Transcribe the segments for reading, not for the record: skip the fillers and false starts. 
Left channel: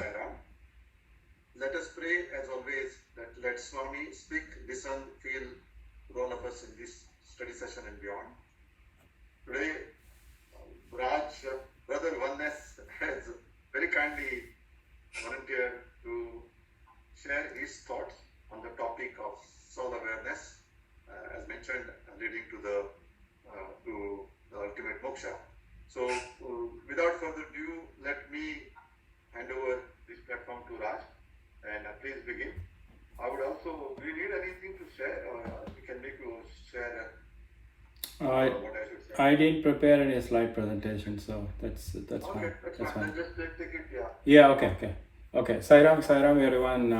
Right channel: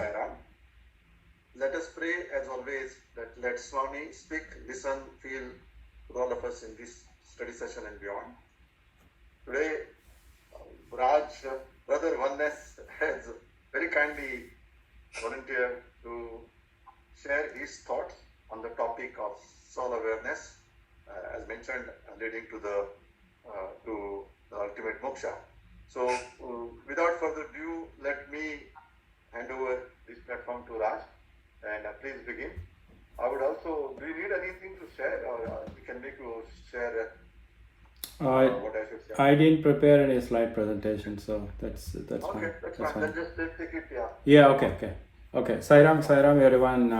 Sai Ram. Let us pray as always that let Swami speak, listen, feel for all of us in this study session and beyond. Today, Raj, Brother Oneness, has very kindly volunteered to share his thoughts on the topic of soul awareness, as mentioned, leading to the ultimate moksha. So, without further ado, let me hand over this platform to Raj, and please begin. I would also, do you need anything to share, or can we share what I should say? I didn't prepare any slide presentation, so that's Okay, fine. that's fine. Let's take it, yeah. Yeah, okay. Sai Ram, everyone.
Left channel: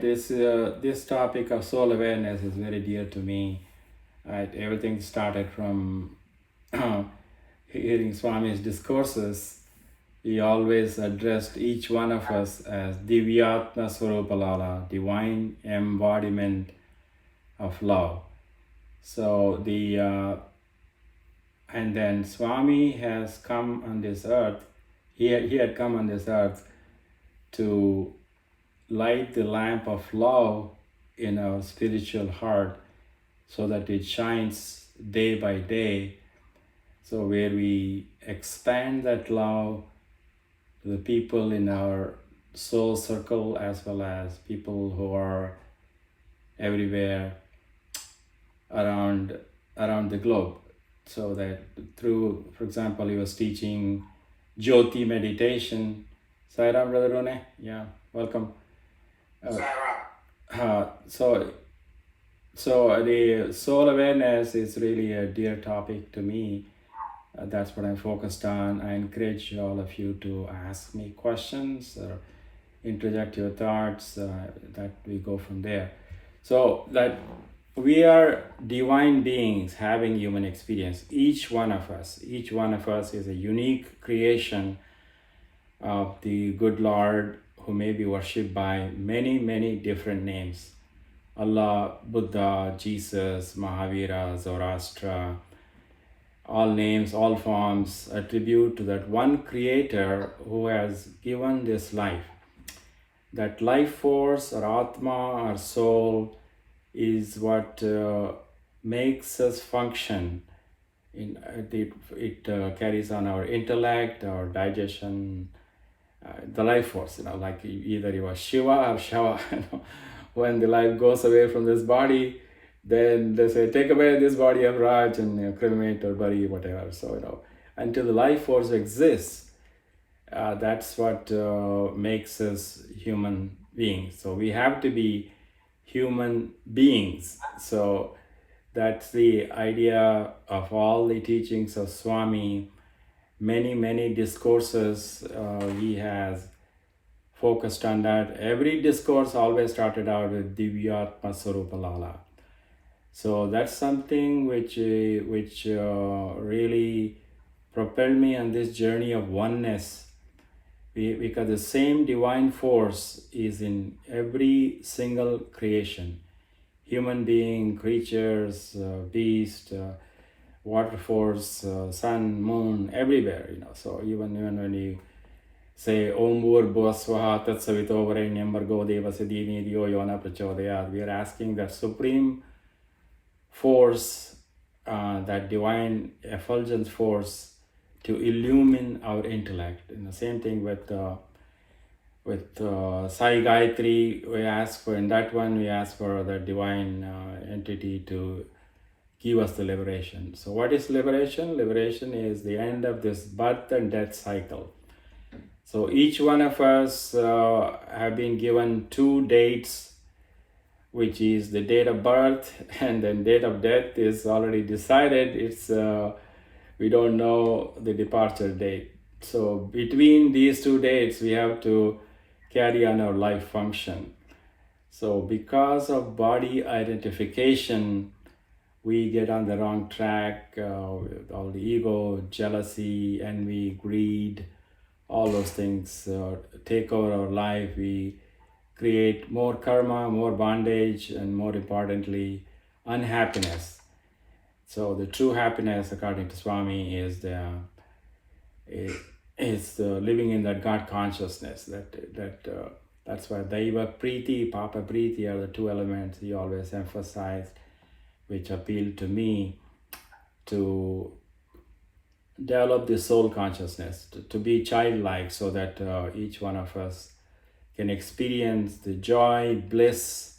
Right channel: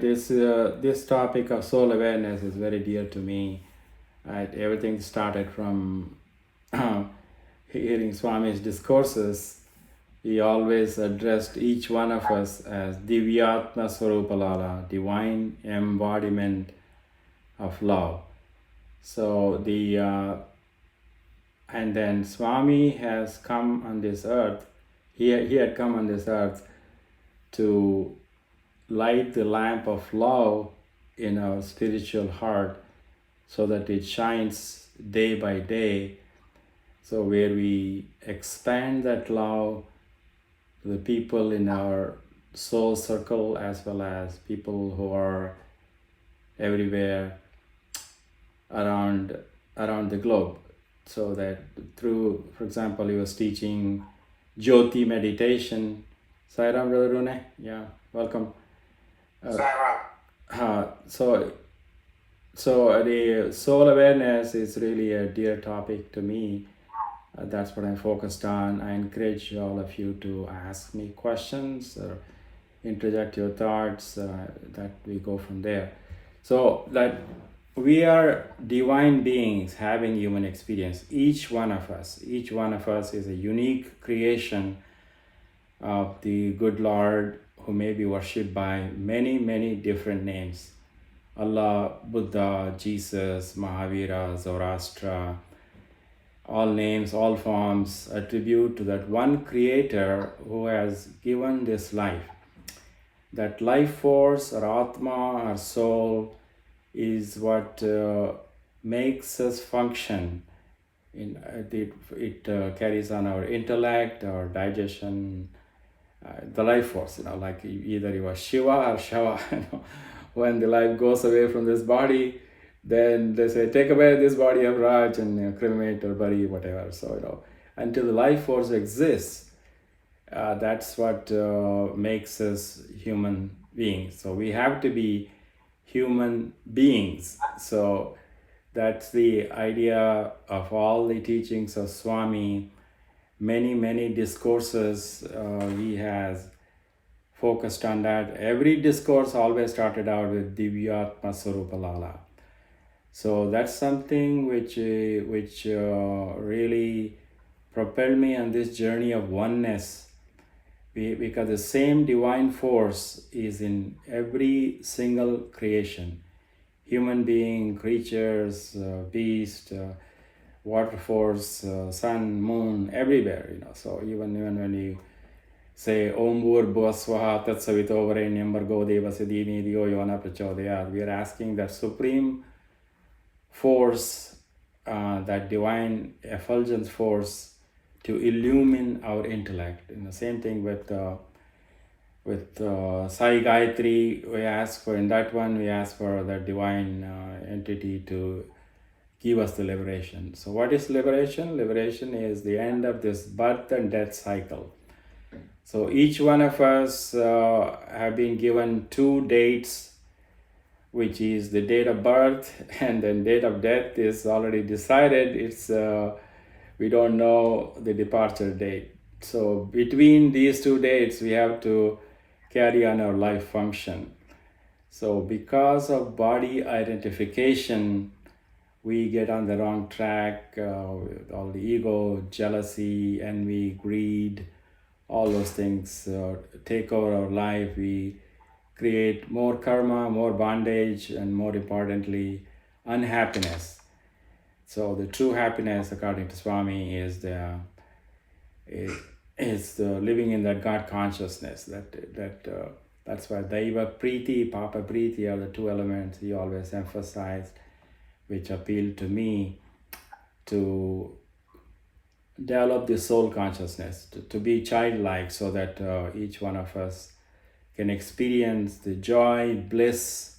This topic of soul awareness is very dear to me. Everything started from hearing Swami's discourses. He always addressed each one of us as Divyatma Swarupalala, divine embodiment of love. So and then Swami has come on this earth. He had come on this earth to light the lamp of love in our spiritual heart so that it shines day by day. So where we expand that love to the people in our soul circle as well as people who are everywhere around the globe. So that through, for example, he was teaching Jyoti meditation. Sai Ram, Brother Rone, yeah, welcome. So the soul awareness is really a dear topic to me. That's what I focused on. I encourage all of you to ask me questions or interject your thoughts, that we go from there. So that we are divine beings having human experience. Each one of us is a unique creation of the good Lord, who may be worshipped by many, many different names. Allah, Buddha, Jesus, Mahavira, Zoroaster, all names, all forms attribute to that one creator who has given this life. That life force or Atma or soul is what makes us function. It carries on our intellect, our digestion, the life force, like either you are Shiva or Shava. When the life goes away from this body, then they say, take away this body of Raj and cremate or bury, whatever. So, until the life force exists, that's what makes us human beings. So we have to be human beings. So that's the idea of all the teachings of Swami. Many discourses he has focused on that. Every discourse always started out with Divyatma Swarupalala. So that's something which really propelled me on this journey of oneness, because the same divine force is in every single creation. Human being, creatures, beast, water force, sun, moon, everywhere, So even when you say Om Bhur Swaha Tat Savito Varenyam Bhargo Devasya Dhimhi Dhiyo Yona Prachodayat, we are asking that supreme force, that divine effulgence force, to illumine our intellect. Same thing with Sai Gayatri. We ask for, in that one, we ask for the divine entity to give us the liberation. So what is liberation? Liberation is the end of this birth and death cycle. So each one of us have been given two dates, which is the date of birth, and then date of death is already decided. It's we don't know the departure date. So between these two dates, we have to carry on our life function. So because of body identification, we get on the wrong track with all the ego, jealousy, envy, greed, all those things take over our life. We create more karma, more bondage, and more importantly, unhappiness. So the true happiness, according to Swami, is is living in that God consciousness. That's why Daiva Preeti, Papa Preeti are the two elements he always emphasized, which appealed to me to develop the soul consciousness, to be childlike, so that each one of us can experience the joy, bliss,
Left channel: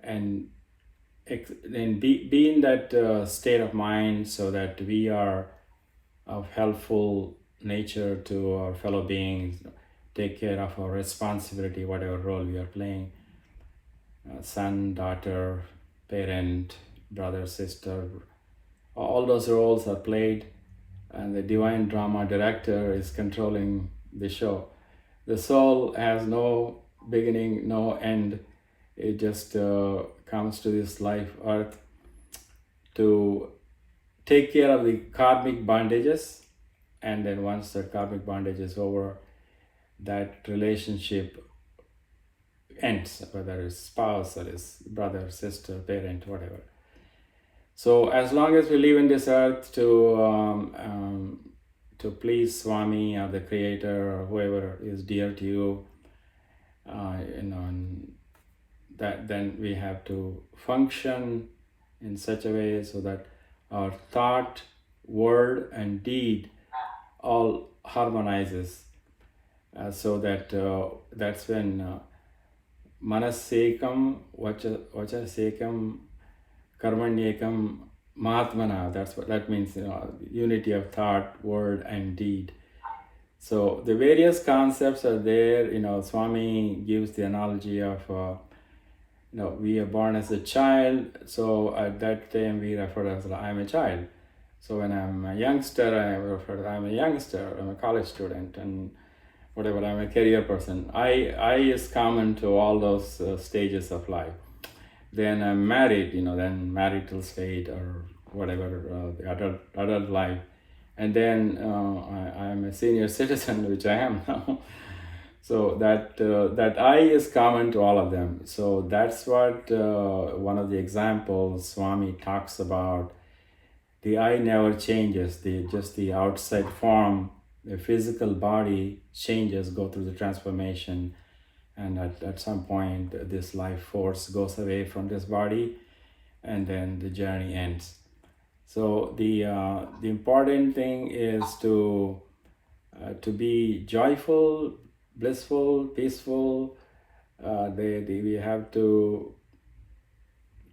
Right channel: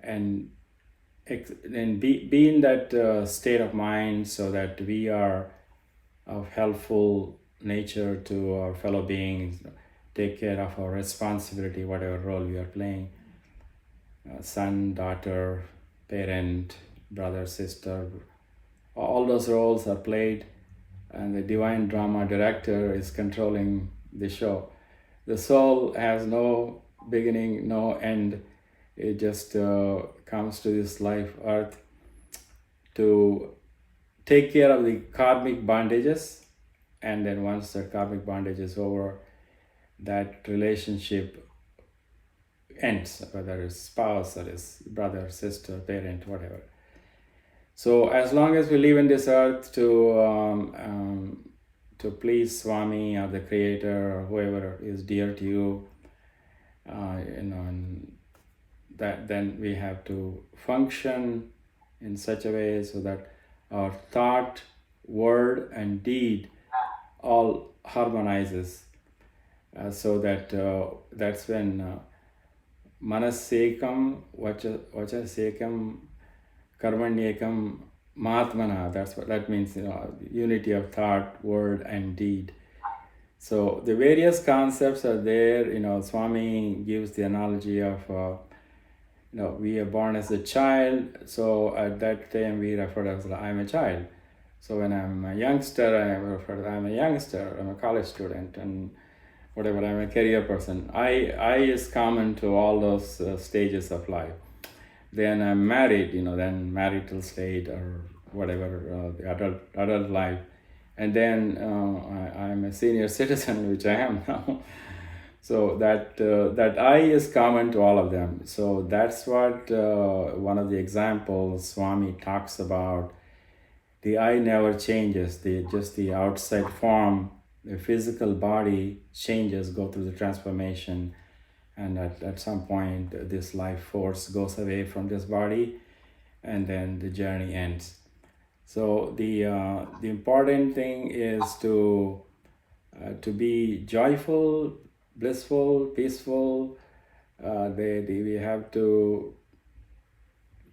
and be in that state of mind, so that we are of helpful nature to our fellow beings, take care of our responsibility, whatever role we are playing, son, daughter, parent, brother, sister, all those roles are played, and the divine drama director is controlling the show. The soul has no beginning, no end. It just comes to this life earth to take care of the karmic bondages, and then once that karmic bondage is over, that relationship ends, whether it's spouse or it's brother, sister, parent, whatever. So as long as we live in this earth to please Swami or the Creator or whoever is dear to you, and that then we have to function in such a way so that our thought, word, and deed all harmonizes, so that that's when manasekam, vachasekam, karmanyekam, mahatmana. That's what that means. Unity of thought, word, and deed. So the various concepts are there. Swami gives the analogy of we are born as a child, so at that time we refer as I'm a child. So when I'm a youngster, I refer to I'm a youngster, I'm a college student, and whatever, I'm a career person. I is common to all those stages of life. Then I'm married, then marital state or whatever, the adult life. And then I'm a senior citizen, which I am now. So that I is common to all of them. So that's what one of the examples Swami talks about. The I never changes. Just the outside form, the physical body changes, go through the transformation, and at some point this life force goes away from this body, and then the journey ends. So the important thing is to be joyful, blissful, peaceful. We have to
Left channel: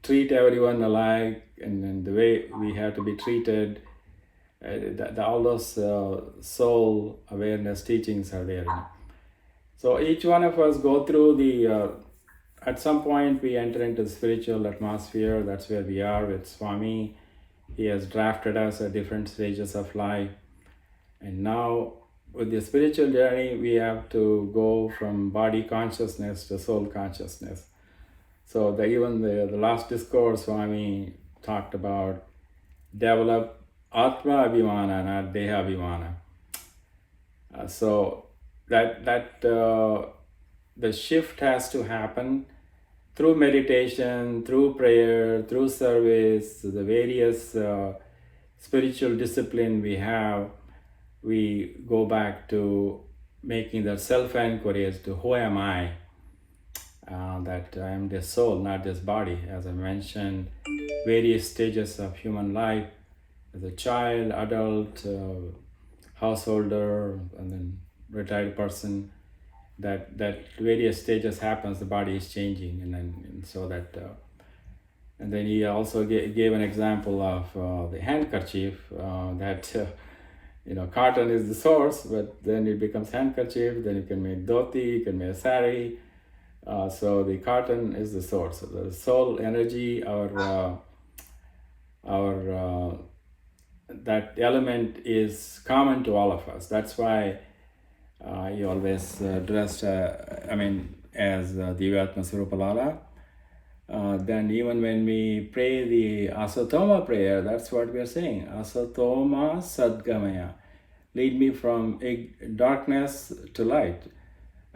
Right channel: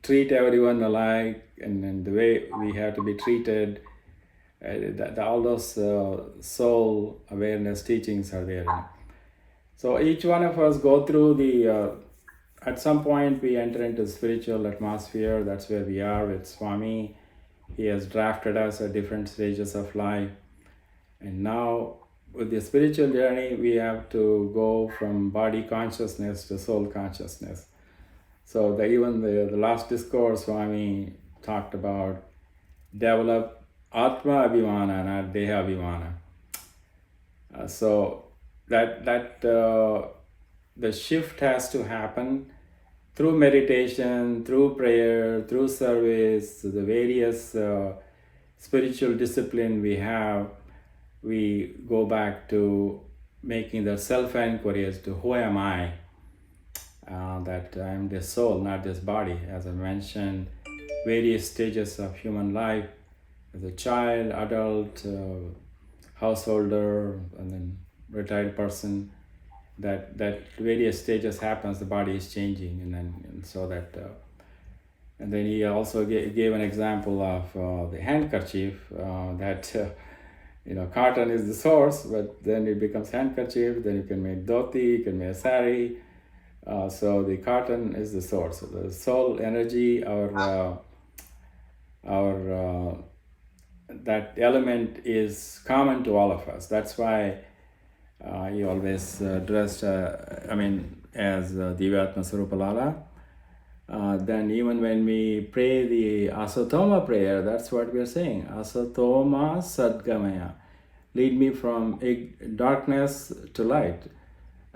treat everyone alike, and the way we have to be treated. All those soul awareness teachings are there. So each one of us go through at some point we enter into the spiritual atmosphere. That's where we are with Swami. He has drafted us at different stages of life. And now with the spiritual journey, we have to go from body consciousness to soul consciousness. So even the last discourse, Swami talked about develop Atma Abhimana, not Deha Abhimana. So that the shift has to happen through meditation, through prayer, through service, the various spiritual discipline we have. We go back to making the self-inquiry as to who am I? That I am this soul, not this body. As I mentioned, various stages of human life, as a child, adult, householder, and then retired person. That various stages happens, the body is changing, and so that. And then he also gave an example of the handkerchief that. Cotton is the source, but then it becomes handkerchief, then you can make dhoti, you can make sari. So the cotton is the source. The soul energy, our that element is common to all of us. That's why he always dressed, as Divyatma Surupalala. Then even when we pray the Asatoma prayer, that's what we are saying. Asatoma Sadgamaya. Lead me from darkness to light.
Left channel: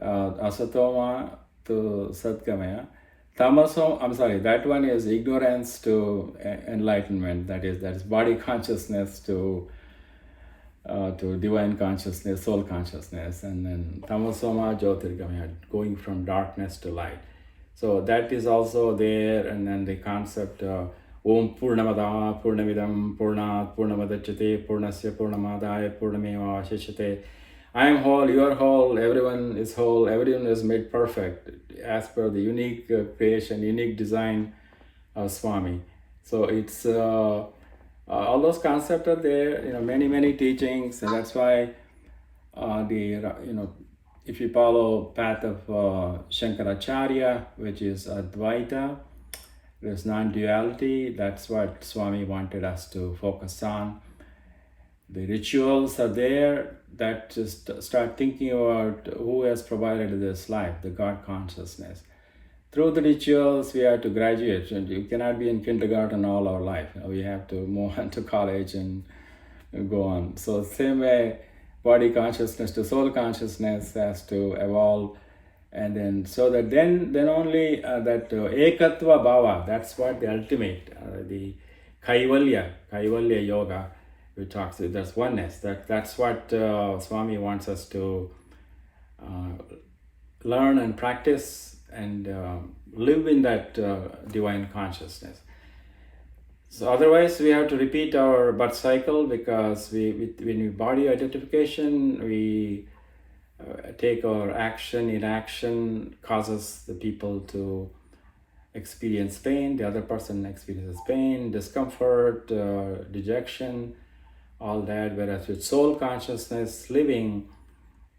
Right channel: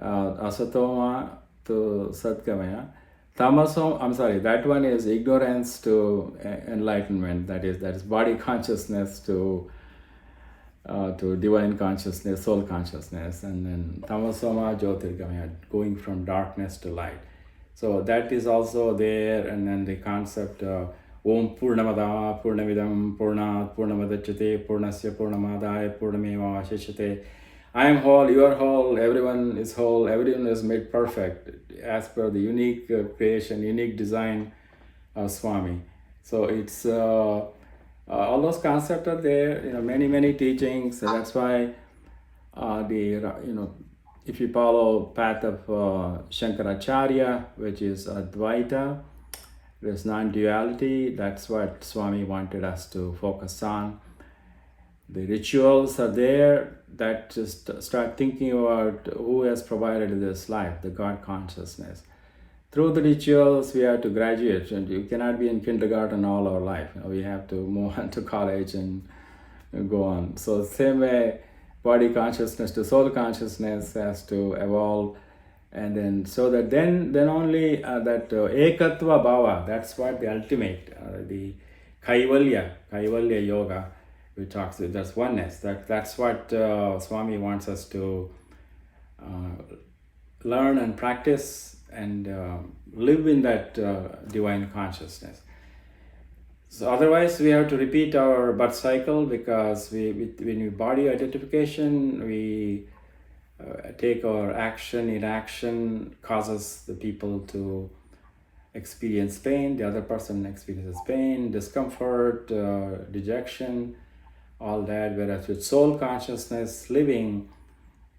Asatoma to Sadgamaya. Tamasom, that one is ignorance to enlightenment. That is body consciousness to to divine consciousness, soul consciousness, and then tamasoma jyotirgamaya, going from darkness to light. So that is also there, and then the concept of Om Purnamada Purnamidam Purnat Purnamadachate Purnasya Purnamadaya Purnameva Shishate. I am whole, you are whole, everyone is whole, everyone is made perfect as per the unique creation, unique design of Swami. So it's all those concepts are there, many teachings, and that's why if you follow path of Shankaracharya, which is Advaita, there's non-duality. That's what Swami wanted us to focus on. The rituals are there that just start thinking about who has provided this life, the God consciousness. Through the rituals, we have to graduate, and you cannot be in kindergarten all our life. We have to move on to college and go on. So same way, body consciousness to soul consciousness has to evolve, and then so that then only that ekatva bhava, that's what the ultimate, the kaivalya yoga, we talks. That's oneness. That's what Swami wants us to learn and practice and live in that divine consciousness. So otherwise, we have to repeat our birth cycle, because when we body identification, we take our action. Inaction causes the people to experience pain. The other person experiences pain, discomfort, dejection, all that. Whereas with soul consciousness living,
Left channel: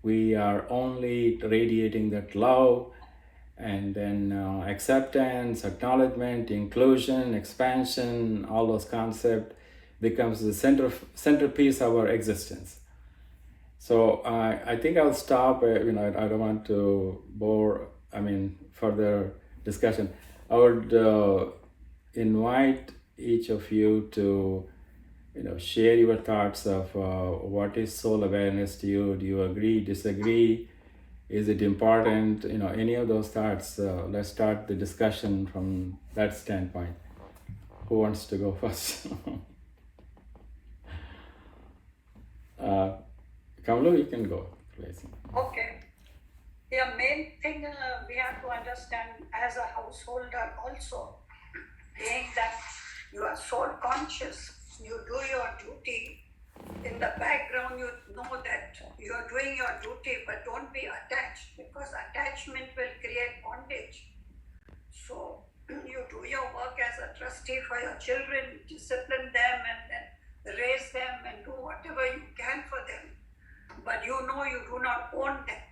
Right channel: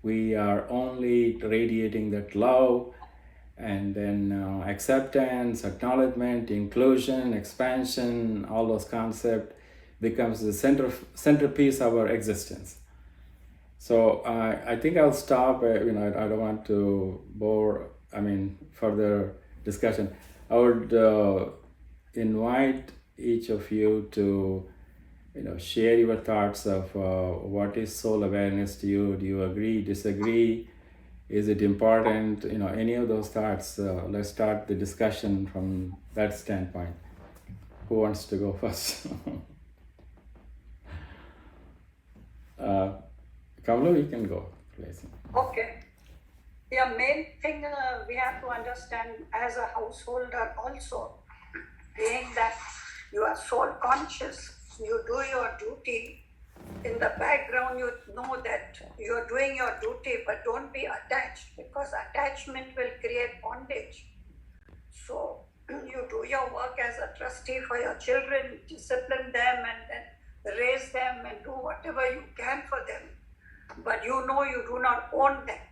we are only radiating that love, and then acceptance, acknowledgement, inclusion, expansion, all those concepts becomes the centerpiece of our existence. So I think I'll stop. I don't want to bore. Further discussion. I would invite each of you to, share your thoughts of what is soul awareness to you. Do you agree, disagree? Is it important? Any of those thoughts. Let's start the discussion from that standpoint. Who wants to go first? Kamalu, you can go, please. Okay. The main thing we have to understand as a householder also, being that you are soul conscious, you do your duty. In the background, you know that you're doing your duty, but don't be attached, because attachment will create bondage. So you do your work as a trustee for your children, discipline them, and then raise them and do whatever you can for them. But you know you do not own them.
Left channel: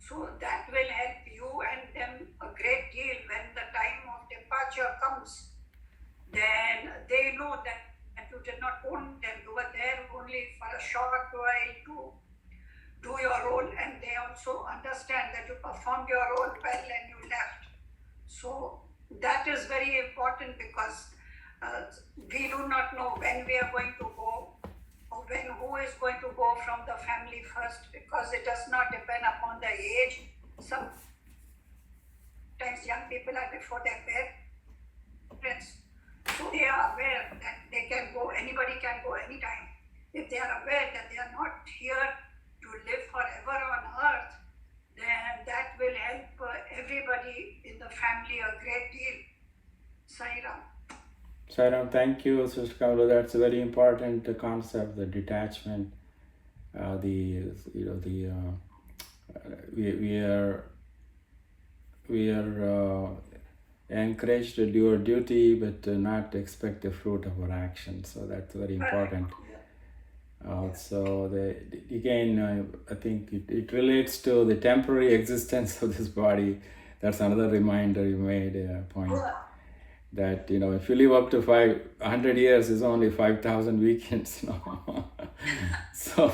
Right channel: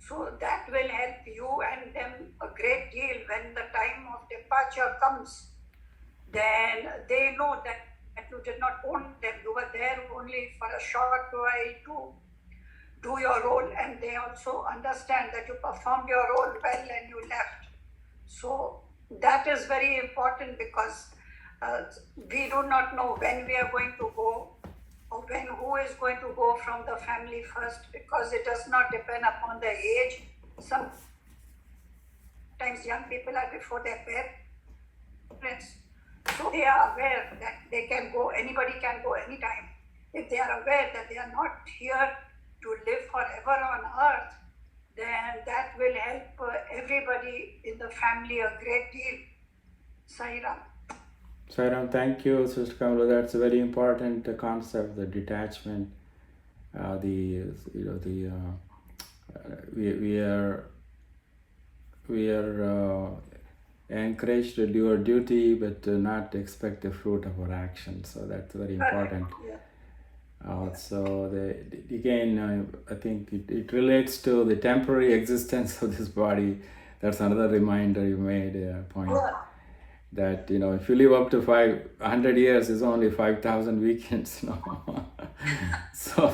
So that will help you and them a great deal. When the time of departure comes, then they know that you did not own them. You were there only for a short while to do your role, and they also understand that you performed your role well and you left. So that is very important, because we do not know when we are going to go, or when who is going to go from the family first, because it does not depend upon the age. Sometimes young people are before their parents, so they are aware that they can go, anybody can go anytime. If they are aware that they are not here to live forever on earth, then that will help everybody in the family a great deal. Sairam. Sairam, thank you, Sister Kamalu. That's a very important concept, the detachment. We are encouraged to do our duty, but to not expect the fruit of our actions. So that's very important. So again, I think it relates to the temporary existence of this body. That's another reminder you made, a point. That if you live up to 500 years, is only 5,000 weekends. So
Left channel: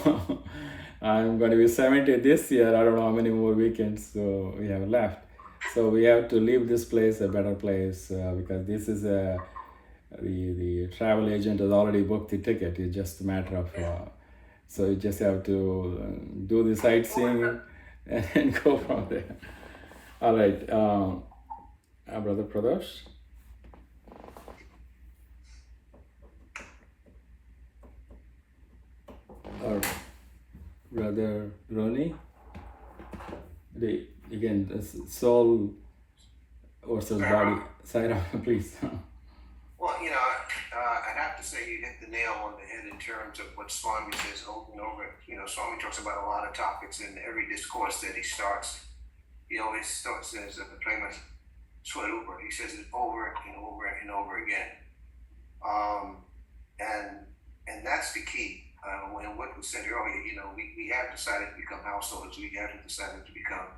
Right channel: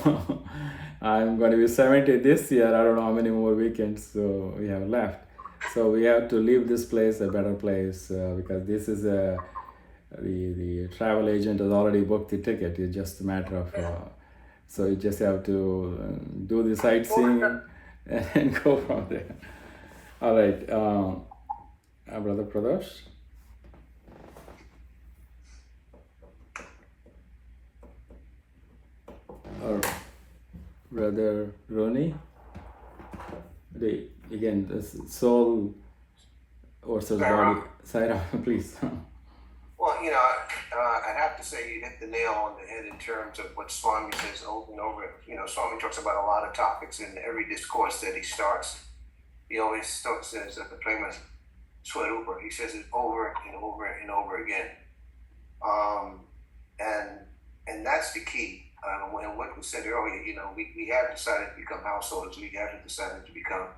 I'm going to be 70 this year. I don't know how many more weekends we have left. So we have to leave this place a better place, because this is the travel agent has already booked the ticket. It's just a matter of so you just have to do the sightseeing and go from there. All right, Brother Pradosh. or Brother Ronnie. Again, the soul versus body. Saira, please. Well, I'd have to say you hit the nail on the head in terms of what Swami says over and over. Swami talks about a lot of topics in every discourse that he starts. He always says that the prema swarupa. He says it over and over and over again. And that's the key. When what was said earlier, we have decided to become householders. We have decided to become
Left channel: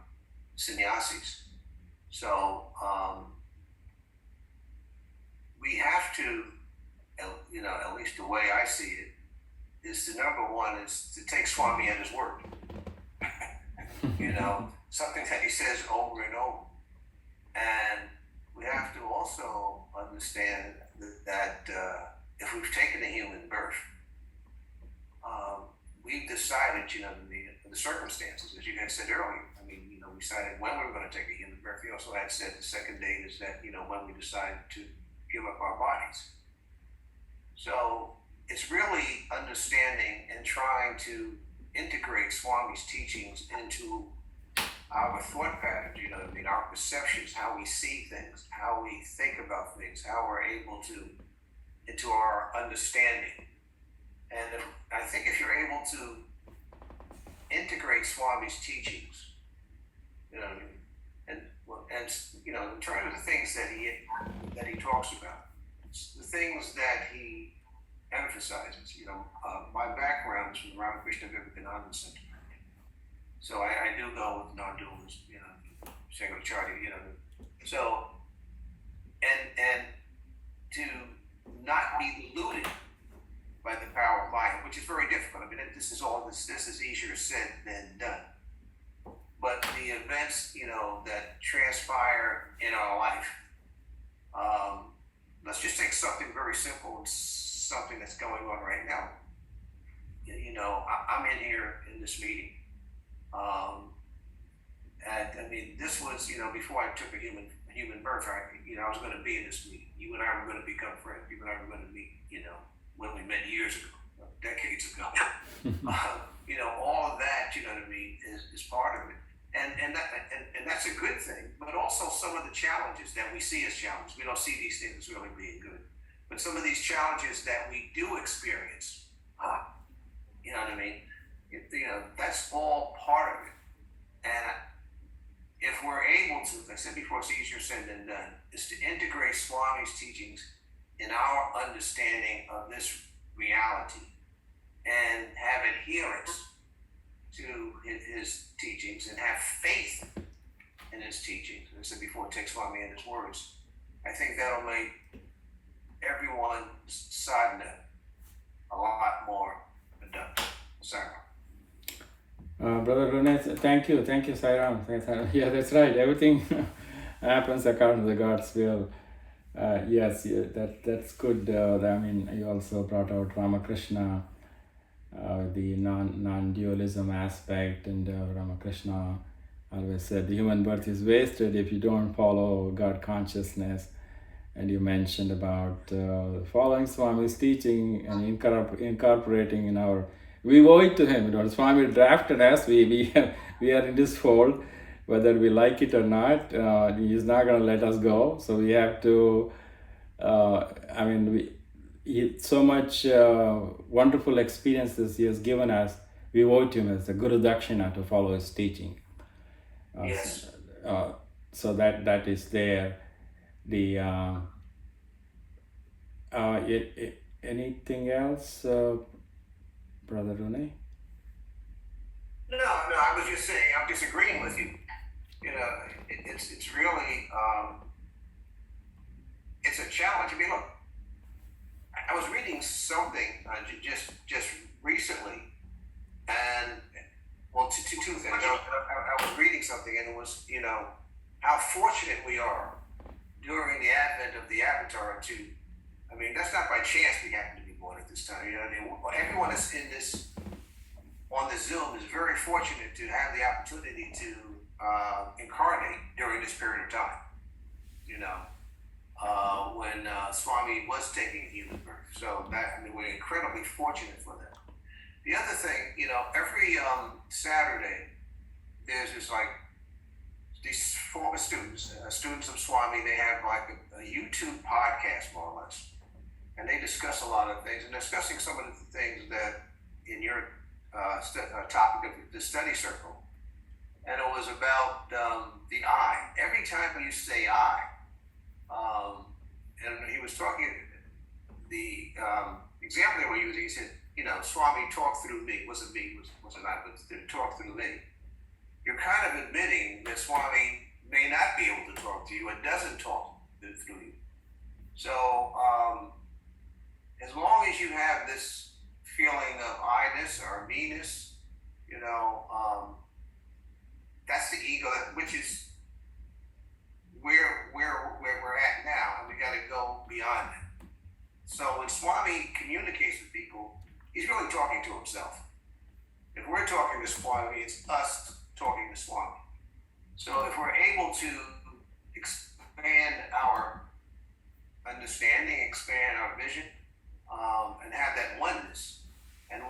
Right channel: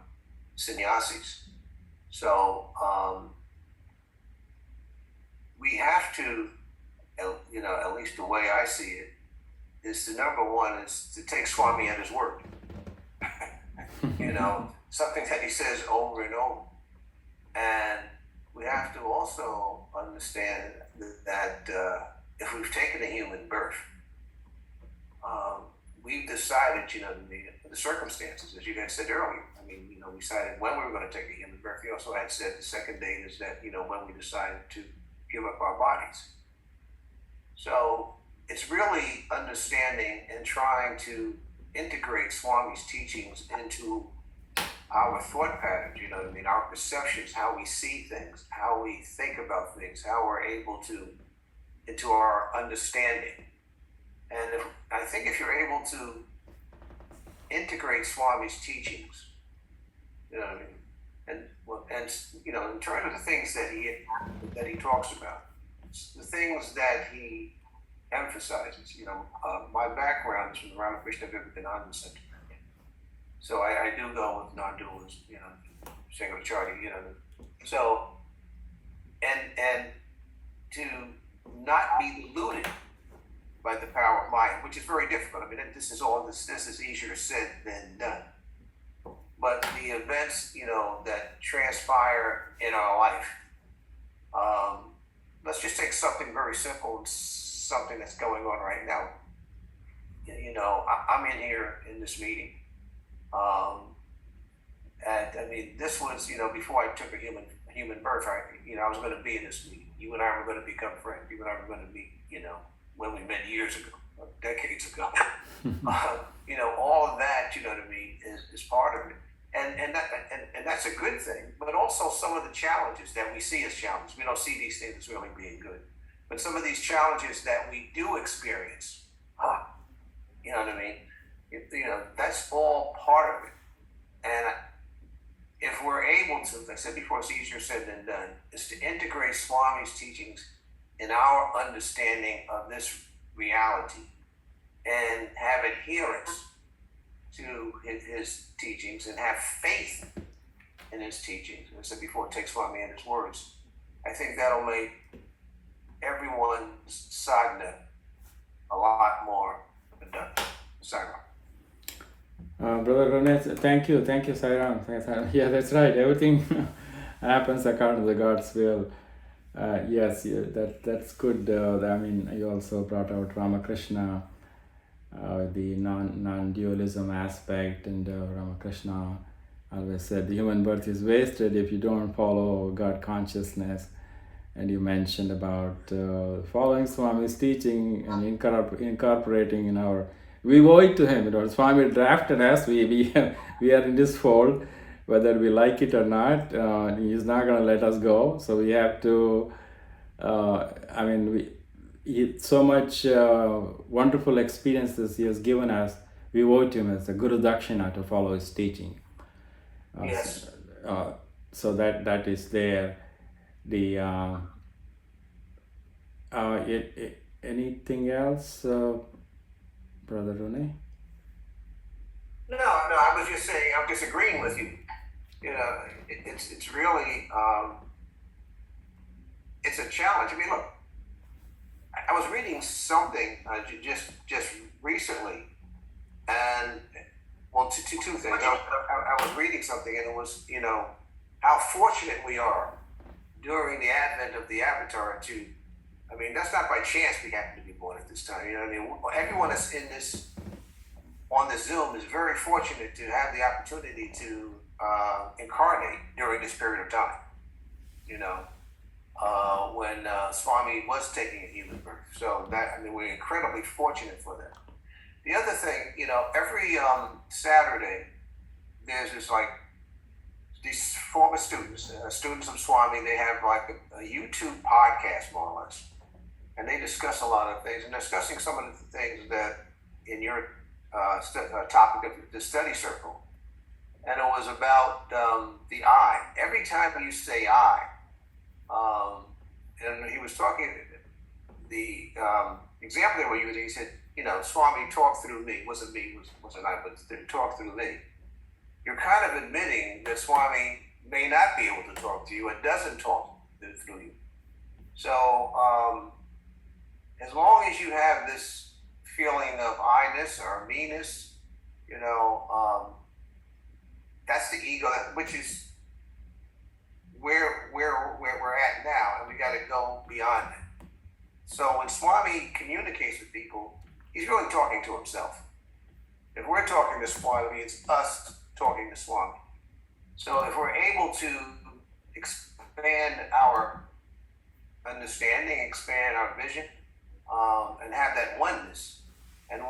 sannyasis. So we have to, at least the way I see it, is the number one is to take Swami at his word. Something that he says over and over. And we have to also understand that if we've taken a human birth, we've decided, the circumstances, as you guys said earlier. We decided when we were going to take a human birth. We also had said the second date is that, when we decided to give up our bodies. So it's really understanding and trying to integrate Swami's teachings into our thought patterns, our perceptions, how we see things, how we think about things, how we're able to, into our understanding. And I think if you're able to integrate Swami's teachings, and in terms of the things that he talks about, the things that he emphasizes, my background is from the Ramakrishna Vivekananda Center. So I do go with non-dualism, Shankaracharya, So, and to not be deluded by the power of mind, which is very difficult. This is easier said than done. But the events, that transpire in our life, let's just take something very simple, something that's going on right now. I'm in here in this meeting. And this was, before I took a human birth, I was going to be in this meeting. You and I were going to become friends. You and I were going to meet, when we met years ago, decades ago. All of that, is part of it. And that's a good thing, but also some of the challenges that we see as challenges. We don't see these things as really being good. But some of these challenges that we do experience, that's all part of it. And if we're able to, like I said before, it's easier said than done, is to integrate Swami's teachings in our understanding of this reality and have adherence to his teachings and have faith in his teachings. As I said before, take Swami in his words. I think that'll make everyone's sadhana a lot more productive. Sarah. Brother Roneness, thank you, Sairam. Yeah, that's right. Everything happens according to God's will. Yes, that's good. You also brought out Ramakrishna, the non-dualism aspect, and Ramakrishna always said the human birth is wasted if you don't follow God consciousness. And you mentioned about following Swami's teaching and incorporating in our. We owe it to him. Swami drafted us. We are in this fold, whether we like it or not. He's not going to let us go. So we have to. So much wonderful experiences he has given us. We owe it to him as a Guru Dakshina to follow his teaching. Yes. So that is there. The anything else, Brother Rune? No, I was just saying, I'm disagreeing with you. It's really, it's a challenge. Look, I was reading something just recently, and two things. I was reading something, and it was, how fortunate we are during the advent of the Avatar to, that's not by chance we happen to be born at this time. Everyone that's in this, on the Zoom is very fortunate to have the opportunity to incarnate during this period of time. When Swami was taking a human birth. So we're incredibly fortunate for that. The other thing, every Saturday, there's this these former students, students of Swami, they have like a YouTube podcast, more or less, and they discuss a lot of things, and discussing some of the things that in your topic of the study circle, and it was about the I. Every time you say I, and he was talking, the example they were using, he said, Swami, talk through me. Wasn't me, wasn't I, but talk through me. You're kind of admitting that Swami may not be able to talk to you and doesn't talk through you. So as long as you have this feeling of I-ness or me-ness, that's the ego, which is where we're at now, and we got to go beyond it. So when Swami communicates with people, he's really talking to himself. If we're talking to Swami, it's us talking to Swami. So if we're able to expand our understanding, expand our vision, and have that oneness, and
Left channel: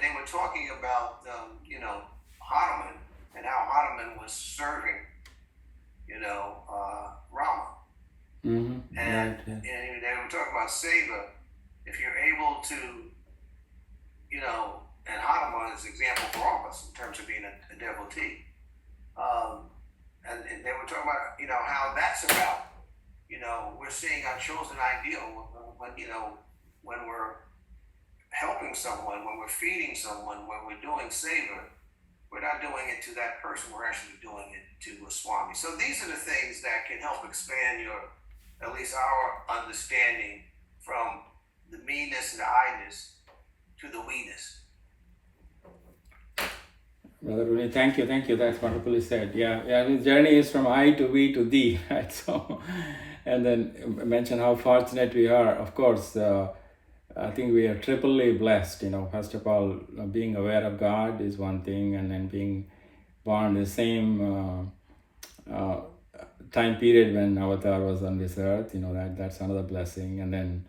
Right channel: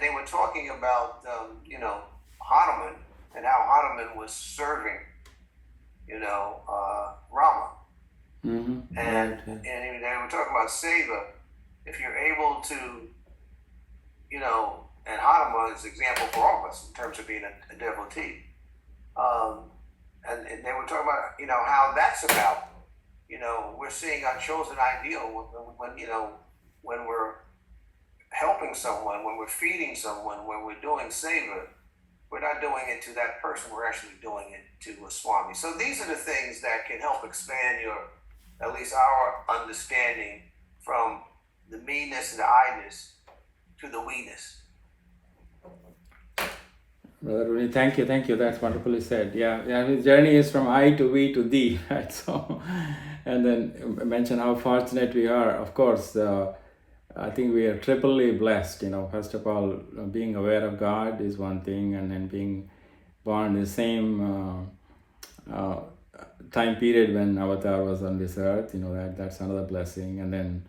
they were talking about Hanuman and how Hanuman was serving Rama. Mm-hmm. And, Right, yeah. and they were talking about seva. If you're able to, and Hanuman is an example for all of us in terms of being a devotee. And they were talking about, how that's about, we're seeing our chosen ideal when we're helping someone, when we're feeding someone, when we're doing seva. We're not doing it to that person, we're actually doing it to a Swami. So these are the things that can help expand at least our understanding from the me-ness and the I-ness to the we-ness. Brother Rooney, thank you. That's wonderfully said. Yeah, his journey is from I to we to thee, right? So, and then mention how fortunate we are. Of course, I think we are triply blessed. First of all, being aware of God is one thing, and then being born in the same time period when Avatar was on this earth. That's another blessing. And then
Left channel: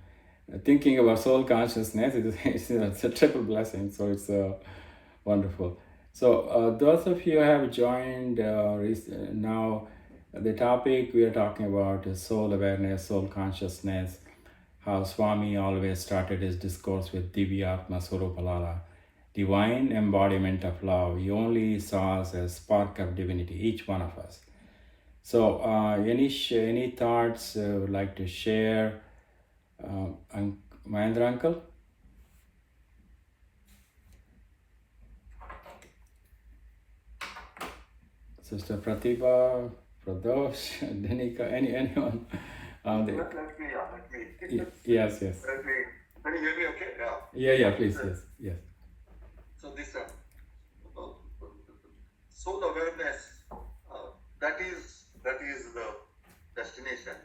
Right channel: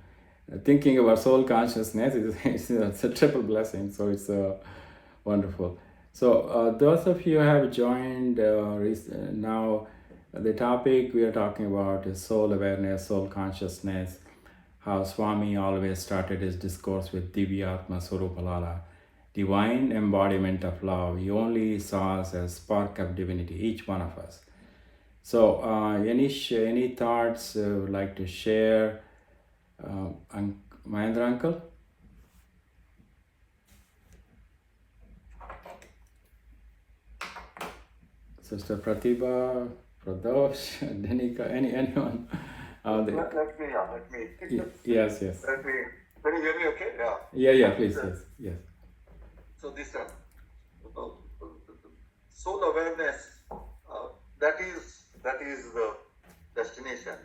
thinking about soul consciousness it's a triple blessing. So it's wonderful. So those of you who have joined now, the topic we are talking about is soul awareness, soul consciousness, how Swami always started his discourse with Divyatma Surupalala, divine embodiment of love. He only saw us as spark of divinity, each one of us. So any thoughts would like to share? Mahendra uncle? Sister Pratibha, Pradosh, Denika, anyone? Let me. Yes. Let me. Can you hear me? Okay. Yeah. Please. Yes. So this soul awareness, that is the destination,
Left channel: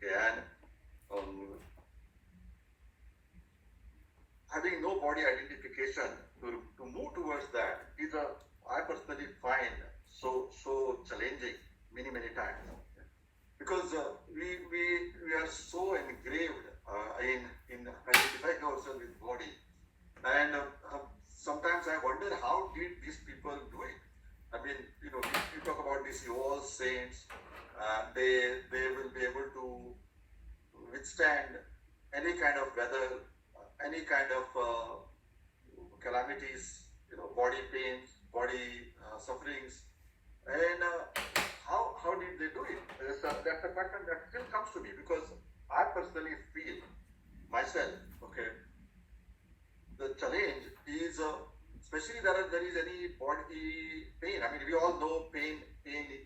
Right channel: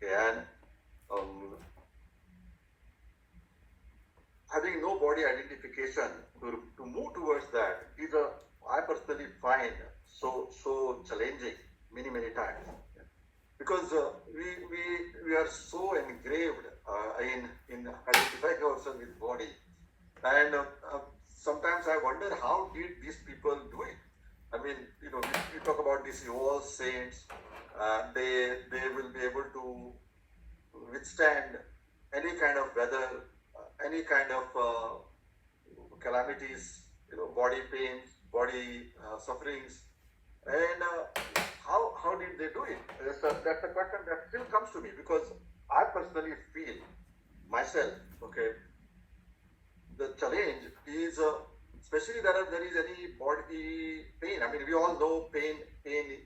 okay? And having no body identification to move towards that is I personally find so challenging many times, because we are so engraved in identifying ourselves with body, and sometimes I wonder how did these people do it. I mean, we talk about these evolved saints, they will be able to withstand any kind of weather, any kind of calamities, body pains, body sufferings, and how did they do it? That's a question that still comes to me, because I personally feel myself, okay, the challenge is, especially there is any body pain. I mean, we all know pain is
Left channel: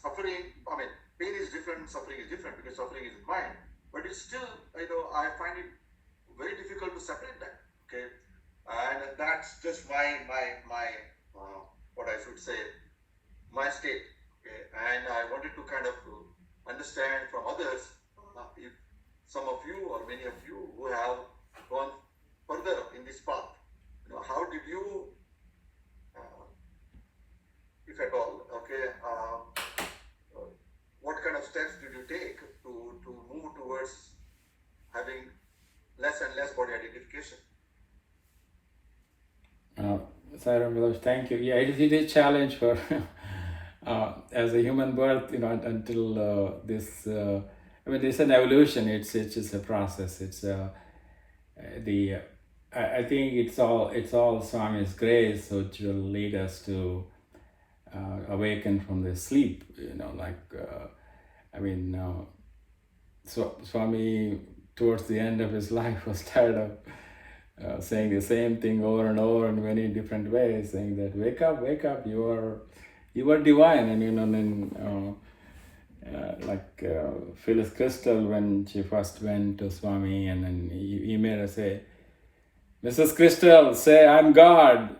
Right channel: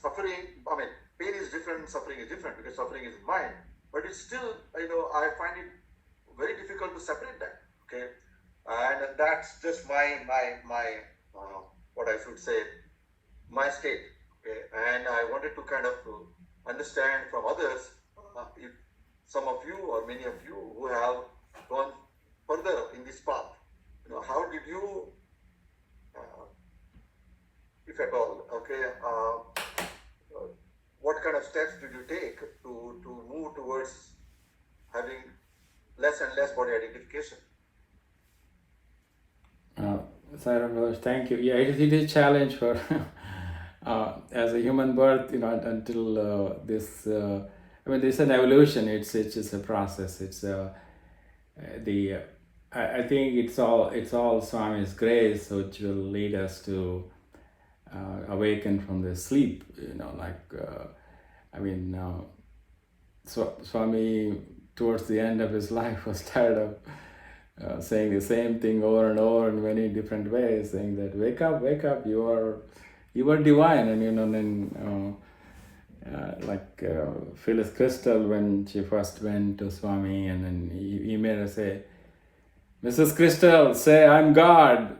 suffering. I mean, pain is different, suffering is different, because suffering is mind. But it's still, I find it very difficult to separate that. Okay, and that's just my what I should say, my state. Okay, and I wanted to kind of understand from others, if some of you or many of you who have gone further in this path, how did you, if at all, okay, what kind of steps did you take to move towards having less endless body identification. Sarah Brothers, thank you. Yeah, it is a challenge for as a human birth, until this. I mean, it's an evolution. It's just a process. It's the. I think it's all Swami's grace which will lead us to awaken from the sleep. So Swami towards the end of his life was tired of saying the same thing over and over in many different ways, saying that wake up, you are divine. And then Phyllis Crystal, when she first went to Swami, and then he made her say, Mrs. Crystal, say I'm God.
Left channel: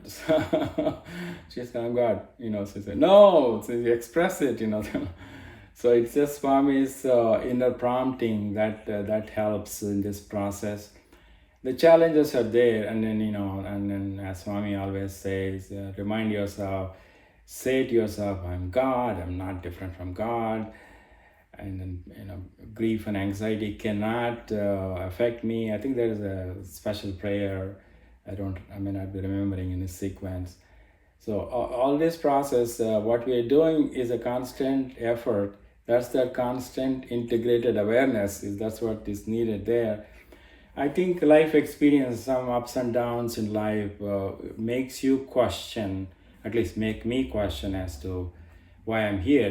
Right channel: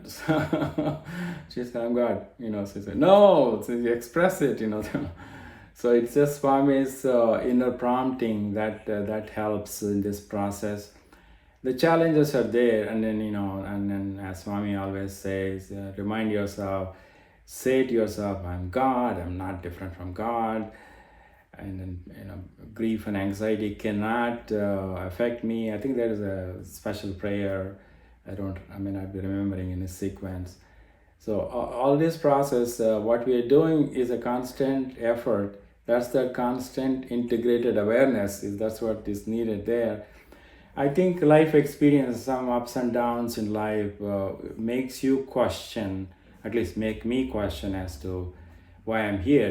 She said, I'm God. She said, no, so you express it. So it's just Swami's inner prompting that helps in this process. The challenges are there, and then as Swami always says, remind yourself, say to yourself, I'm God, I'm not different from God. And then grief and anxiety cannot affect me. I think there is a special prayer. I may not be remembering in this sequence. So all this process, what we are doing is a constant effort. That's the constant integrated awareness. That's what is needed there. I think life experience, some ups and downs in life, makes you question, at least make me question as to why I'm here.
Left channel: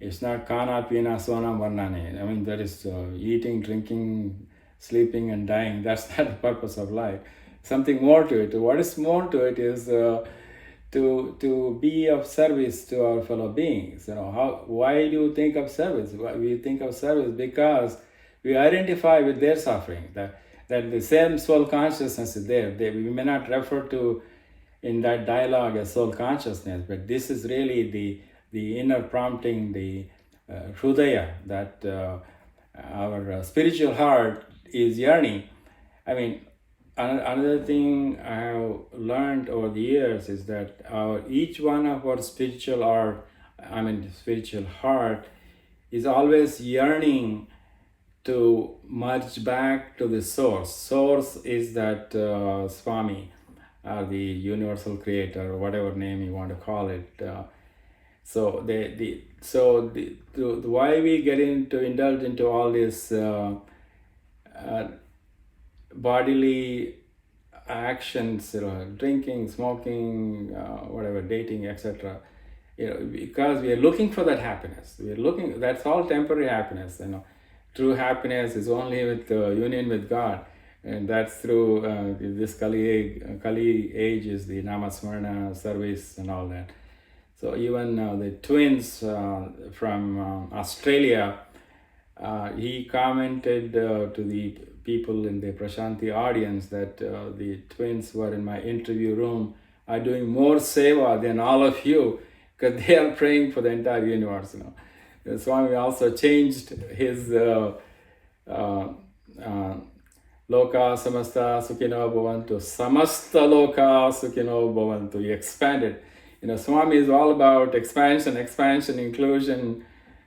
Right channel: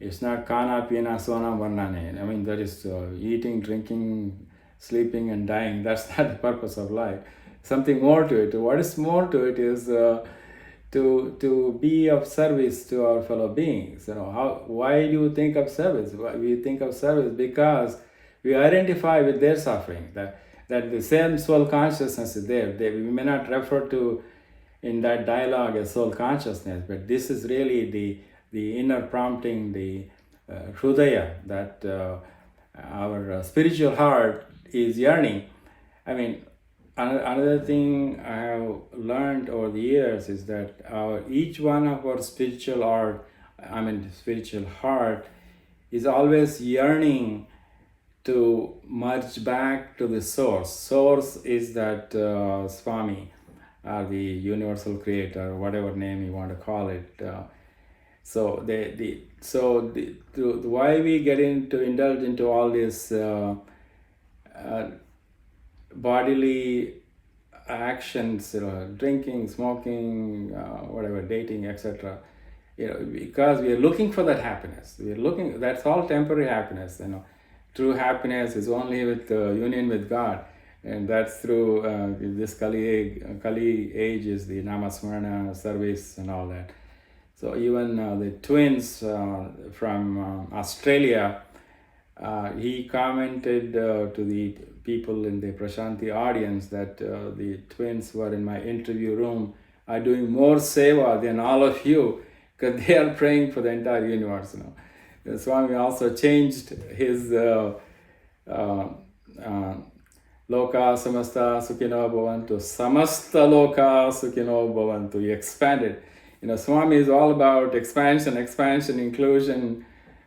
It's not kana pina sona varnane. I mean, that is eating, drinking, sleeping, and dying. That's not the purpose of life. Something more to it. What is more to it is to be of service to our fellow beings. Why do you think of service? Why we think of service? Because we identify with their suffering. That the same soul consciousness is there. We may not refer to in that dialogue as soul consciousness, but this is really the inner prompting, the Hrudaya, that our spiritual heart is yearning. I mean, another thing I have learned over the years is that each one of our spiritual heart is always yearning to merge back to the source. Source is that Swami, the universal creator, or whatever name you want to call it. Why we get indulge into all this bodily actions, drinking, smoking, whatever, dating, etc. Because we are looking for that happiness. That's all temporary happiness. True happiness is only with union with God, and that's through this Kali age is the Namasmarana service and all that. So even the twins from Australia, he commented to the people in the Prashanti audience that the twins were in my interview room are doing more seva than all of you, because they are praying for the entire universe. The Swami also changed his Loka Samasta Sukhino Bhavantu, Samasta Loka Sukhino Bhavantu. He expanded. Swami is all about expansion, inclusion.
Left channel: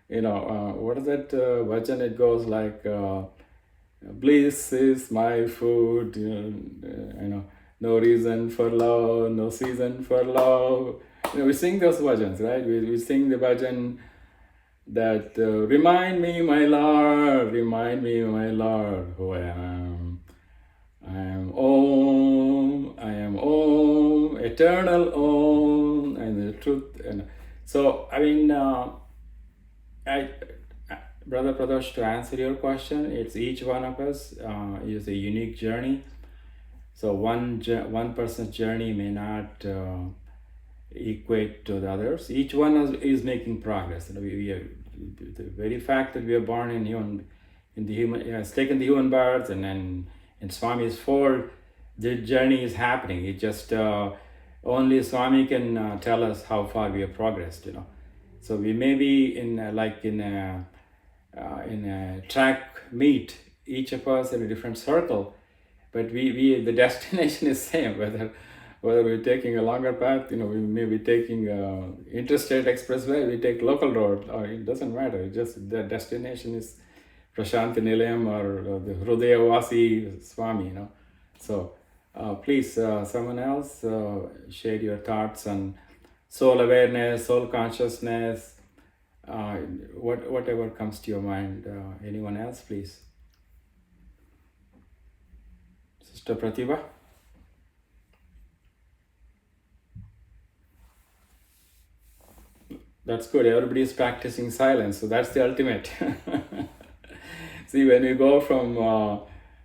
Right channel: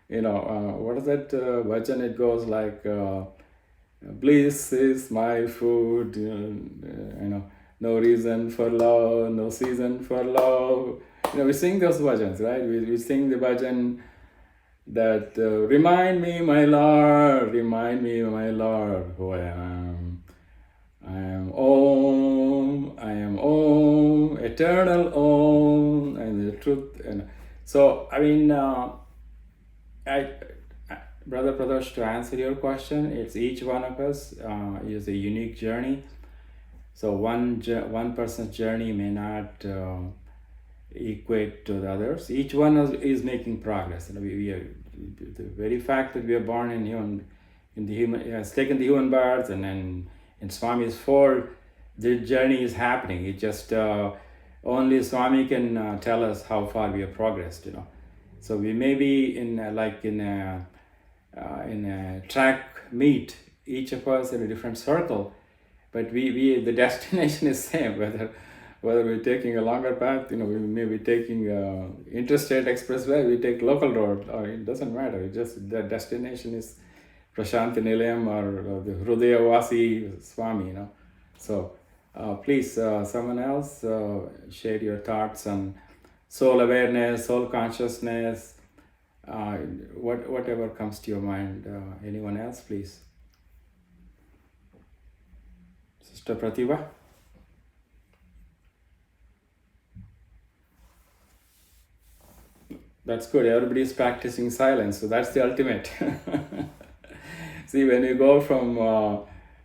What is that bhajan? It goes like, bliss is my food, no reason for love, no season for love. We sing those bhajans, right? We sing the bhajan that remind me, my Lord, who I am. I am Om, eternal Om, and the truth. So, Brother Pradosh, to answer your question, it's each one of us is a unique journey. So one person's journey may not equate to the others. Each one is making progress. We are, the very fact that we are born in the human has taken the human birth, and then in Swami's fold, the journey is happening. It just only Swami can tell us how far we have progressed. So we may be in a track meet, each of us in a different circle, but the destination is same. Whether we're taking a longer path, we may be taking interstate expressway, we take local road, or it doesn't matter. It just the destination is Prashanti Nilayam or the Hrudayavasi Swami, So please, someone else, share your thoughts on soul awareness, soul consciousness, whatever comes to your mind. Anyone else, please? Sister Pratibha? That's good. Everybody is practicing silence, so that's the ultimate. See, when you go from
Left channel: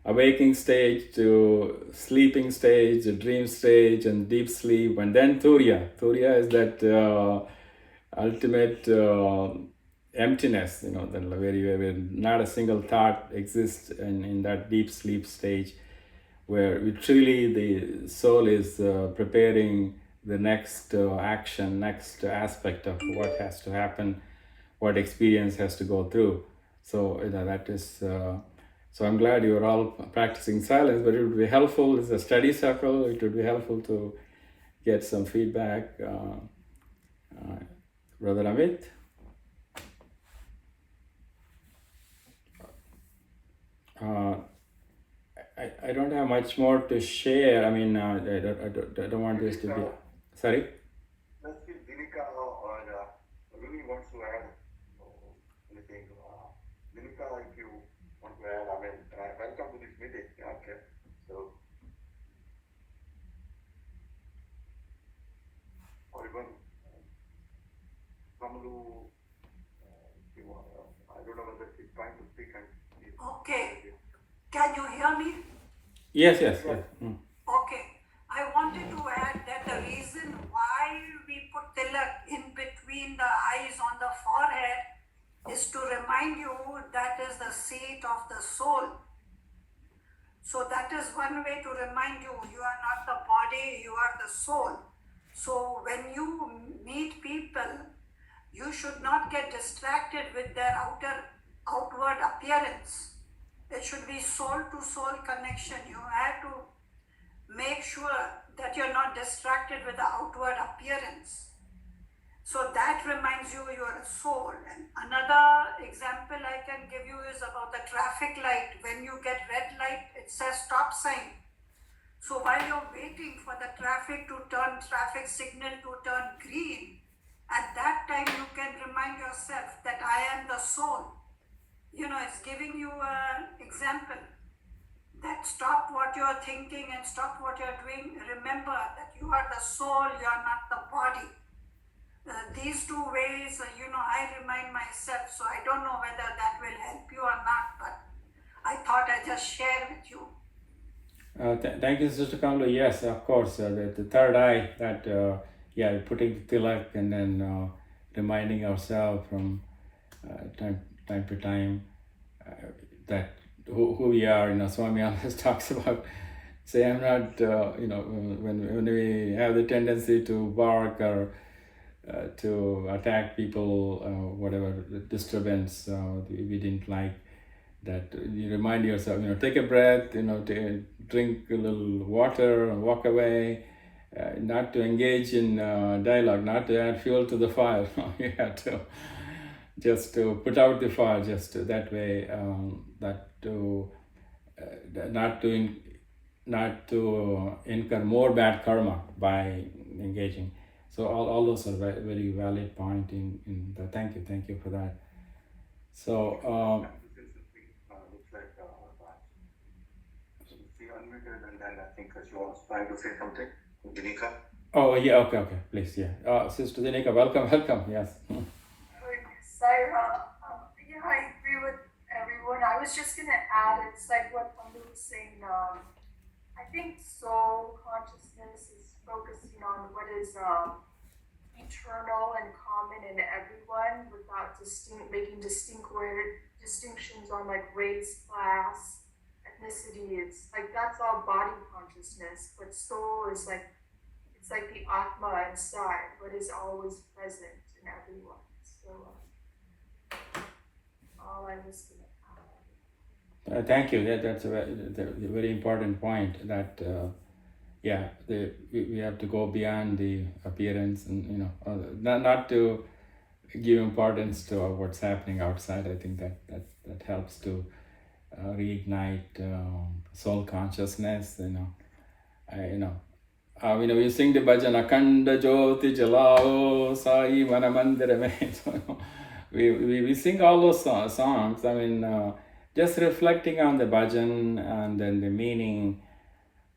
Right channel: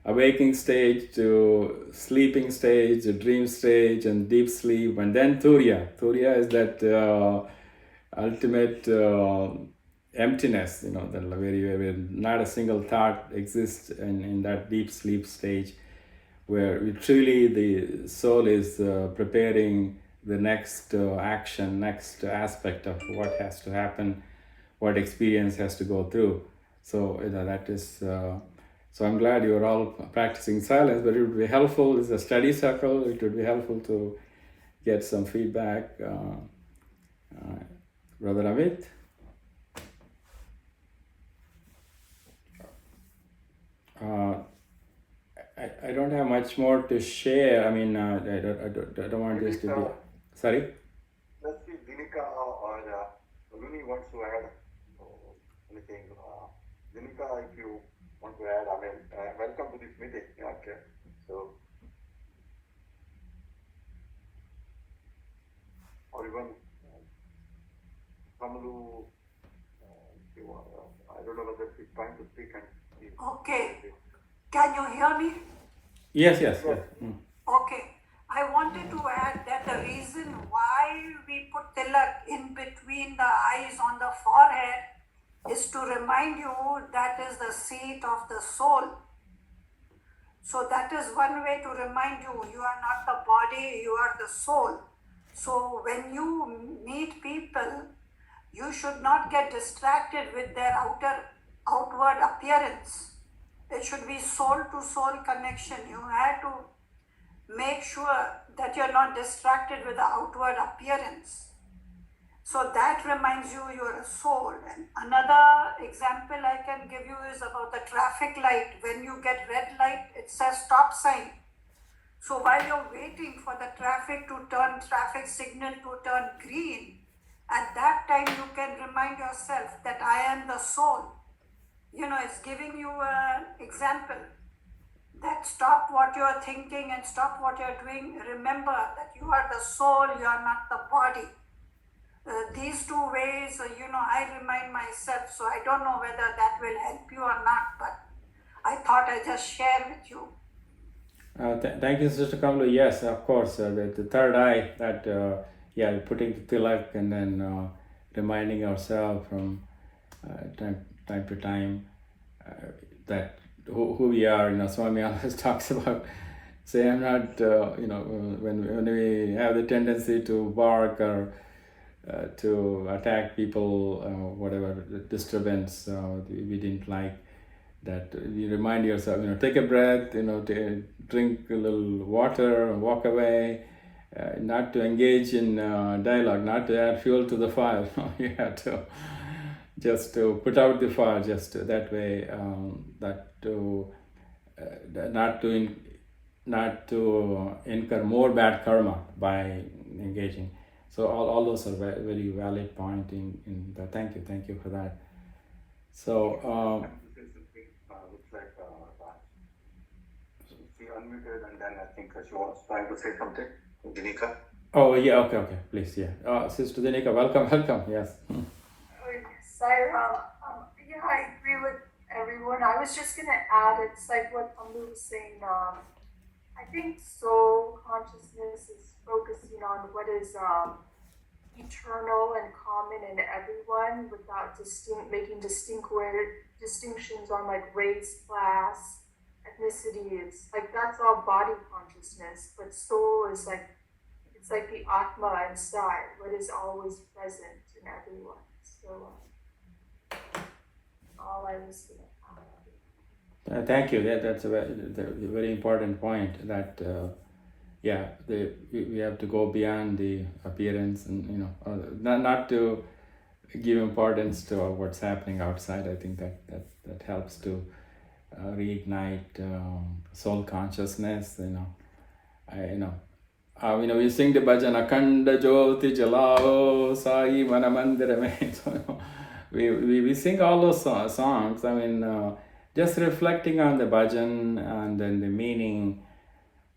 awaking stage to sleeping stage, dream stage, and deep sleep, and then Turiya. Turiya is that ultimate emptiness, the where not a single thought exists in that deep sleep stage, where truly the soul is preparing the next action, next aspect of what has to happen, what experience has to go through. So that is. So I'm glad you are all practicing silence, but it would be helpful. It's a study circle. It would be helpful to get some feedback. Brother Amit. I don't have much more to share. I mean, I don't want this to be. Sorry? Let's see, Dinika or Rumi wants to add anything. Dinika, if you want to add, I mean, welcome to this meeting. Okay. So, or even Kamalu, I don't know whether she's trying to speak and. Okay. Can you hear me? Yes. Yeah. Okay. I wanted to add that the reason why we put tilak in between the eyes on the forehead is to remind you that is the seat of the soul. So that is one way to remind you, you are not the body, you are the soul. So when you meet people, you should not get distracted with their outward appearance. It should be soul to soul connection. You have to make sure that you're not distracted with the outward appearance. So that reminds you you're a soul. And another example I can give you is about the traffic light. When you get red light, it says stop sign. So while you're waiting for the traffic signal to turn green, at that time you can remind yourself that I am the soul. It's giving you an example that stop what you're thinking and stop what you're doing. Remember that you are the soul, you are not the body. These two ways, I remind myself, so I don't know whether that will help you or not, but I thought I'd just share with you. Thank you, Sister Kamalu. Yes, of course, the third eye, that, putting the tilak and then reminding ourselves from time to time that who we are. Swami always talks about, say, I'm not, when we have the tendency to bark or to attack people, whatever disturbance we didn't like, that you remind yourself, take a breath, drink a little water and walk away, not to engage in dialogue, not to add fuel to the fire. You have to just to put out the fire, just that way, not to incur more bad karma by engaging. So all those are very, very valid point in the, thank you for that. So Looks like she unmuted and then I think she was trying to say something. Dinika. Oh yeah, okay, please, yeah. Sister Dinika, welcome, yes. Sairam, I agree with everyone. I was just gonna add, it's like what Ambu was saying. I think soul consciousness is focusing on what is eternal and common in everyone, without making distinctions on like race, class, ethnicity. It's like that's all body consciousness, but soul is like, it's like the Atma inside, what is always present in everyone. So all I was gonna thank you. That's a very important point. That we have to go beyond the appearance, and not to give importance to what's happening outside. I think that helps to reignite soul consciousness. We sing the bhajan Akhanda Jyoti Jalao Sai Mana Mandira Mein. So, we sing all those songs. Just reflecting on the bhajan and then the meaning,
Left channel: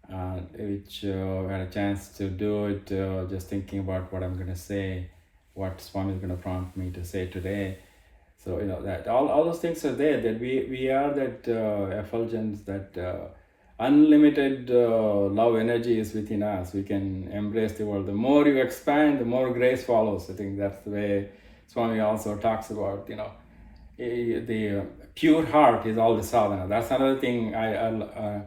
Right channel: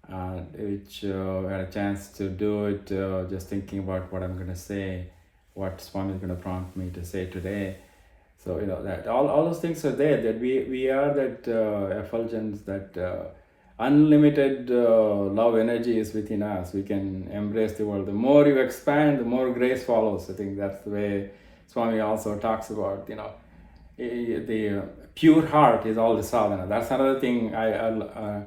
which I had a chance to do it, just thinking about what I'm going to say, what Swami is going to prompt me to say today. So that all those things are there. That we are that effulgence, that unlimited love energy is within us. We can embrace the world. The more you expand, the more grace follows. I think that's the way Swami also talks about. The pure heart is all the sadhana. That's another thing I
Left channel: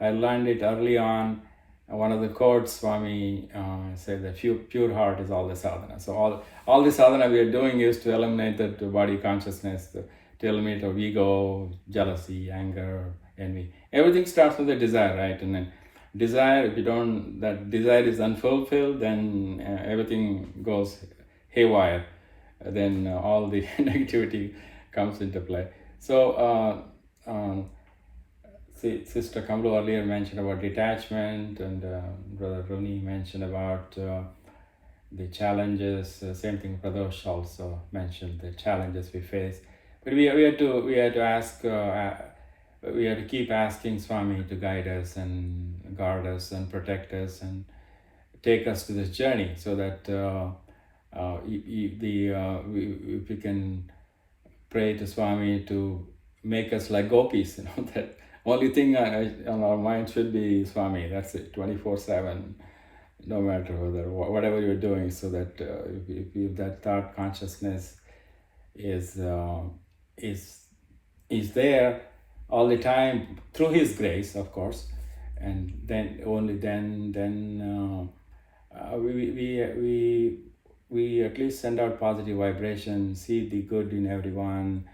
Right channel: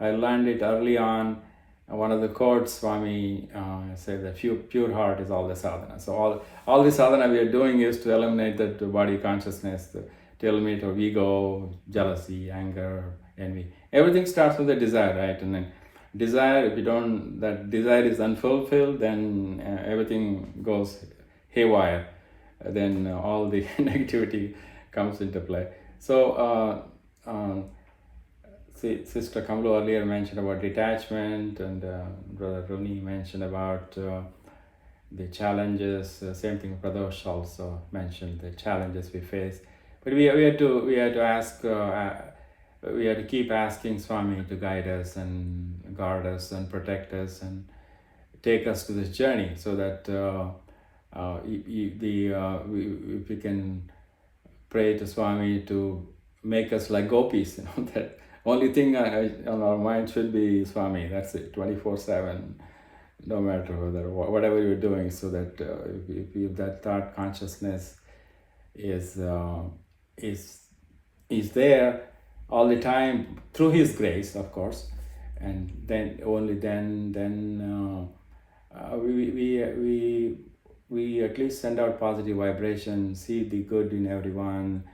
learned it early on. One of the quotes Swami said that pure heart is all the sadhana. So all the sadhana we are doing is to eliminate that body consciousness, to eliminate our ego, jealousy, anger, envy. Everything starts with a desire, right? And then desire, if that desire is unfulfilled, then everything goes haywire. Then all the negativity comes into play. So Sister Kamlu earlier mentioned about detachment, and Brother Runi mentioned about the challenges. Same thing, Pradosh also mentioned the challenges we face. But we had to ask, we had to keep asking Swami to guide us and guard us and protect us and take us to this journey, so that we can pray to Swami to make us like gopis. That only thing on our mind should be Swami. That's it, 24/7, no matter whatever you're doing. So that if that thought consciousness is there all the time through His grace, of course, and then only then we at least send out positive vibration, see the good in everyone,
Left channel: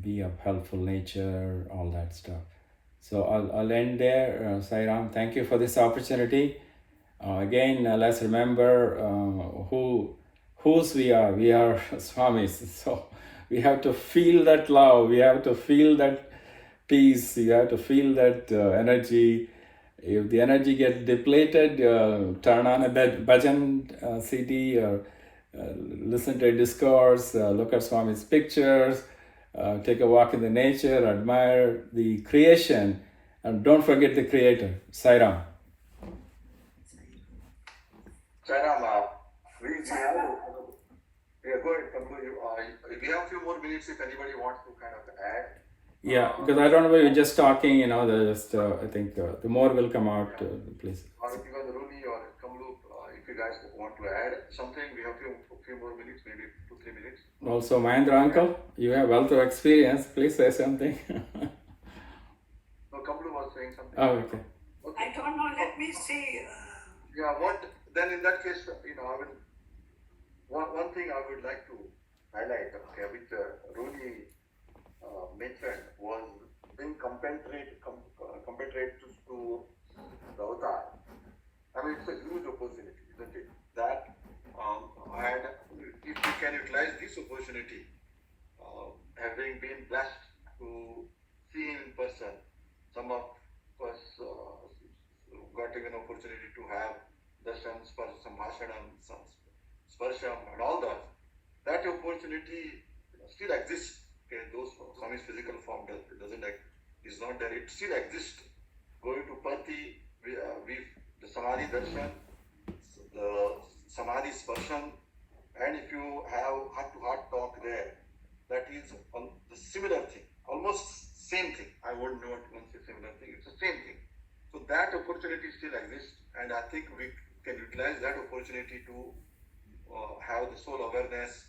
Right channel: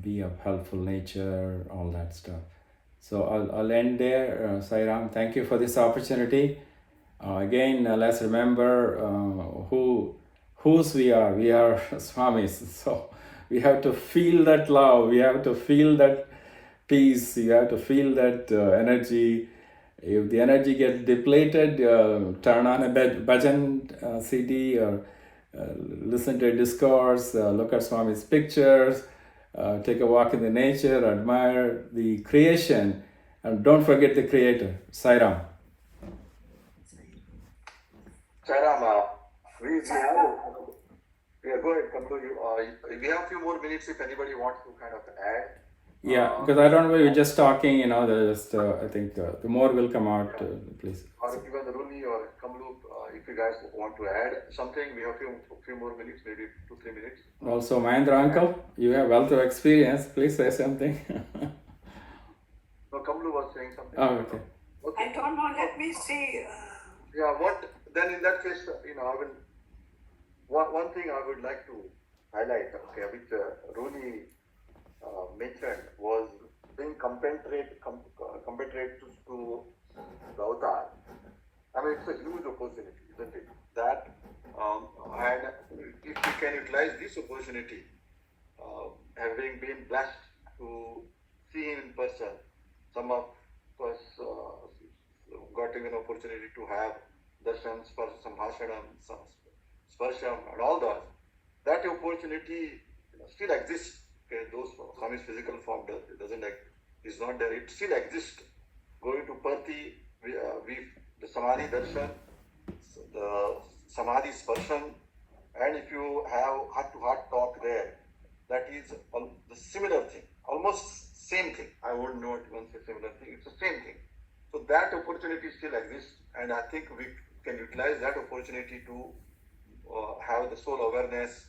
be of helpful nature, all that stuff. So I'll end there. Sai Ram, thank you for this opportunity. Again, let's remember whose we are. We are Swamis. So we have to feel that love. We have to feel that peace. You have to feel that energy. If the energy gets depleted, turn on a bhajan CD, or listen to a discourse, look at Swami's pictures, take a walk in the nature, admire the creation, and don't forget the Creator. Sai Ram. Chairama, we are going to conclude. We have a few more minutes if anybody wants to kind of add. Yeah, because I don't know, we're just talking, I think the more will come out, please. Or even Runi or Kamlu, if you guys want to add something, we have a few more minutes, maybe 2-3 minutes. Also, Mahendra uncle, you have wealth of experience. Please say something. No, Kamlu was saying something. Oh, okay. I don't know, let me see. Then in that case, I will. One thing I would like to highlight, which Runi mentioned, was being compatriots to the avatar. It's a huge opportunity, isn't it? That and if you can utilize this opportunity, having been blessed to see him in person, some of us got even opportunity to have darshans for some bhashanam, some sparsham, and all that opportunity still exists. Okay, those Swami's physical form is not there. It still exists. Going to Pati, the Samadhi darshan, the Samadhi sparshan, and if you have heart-to-heart talk there, that is the similar thing, almost same thing. I wouldn't know it once a similar thing. It's the same thing. So that opportunity still exists, and I think we can utilize that opportunity to have the soul awareness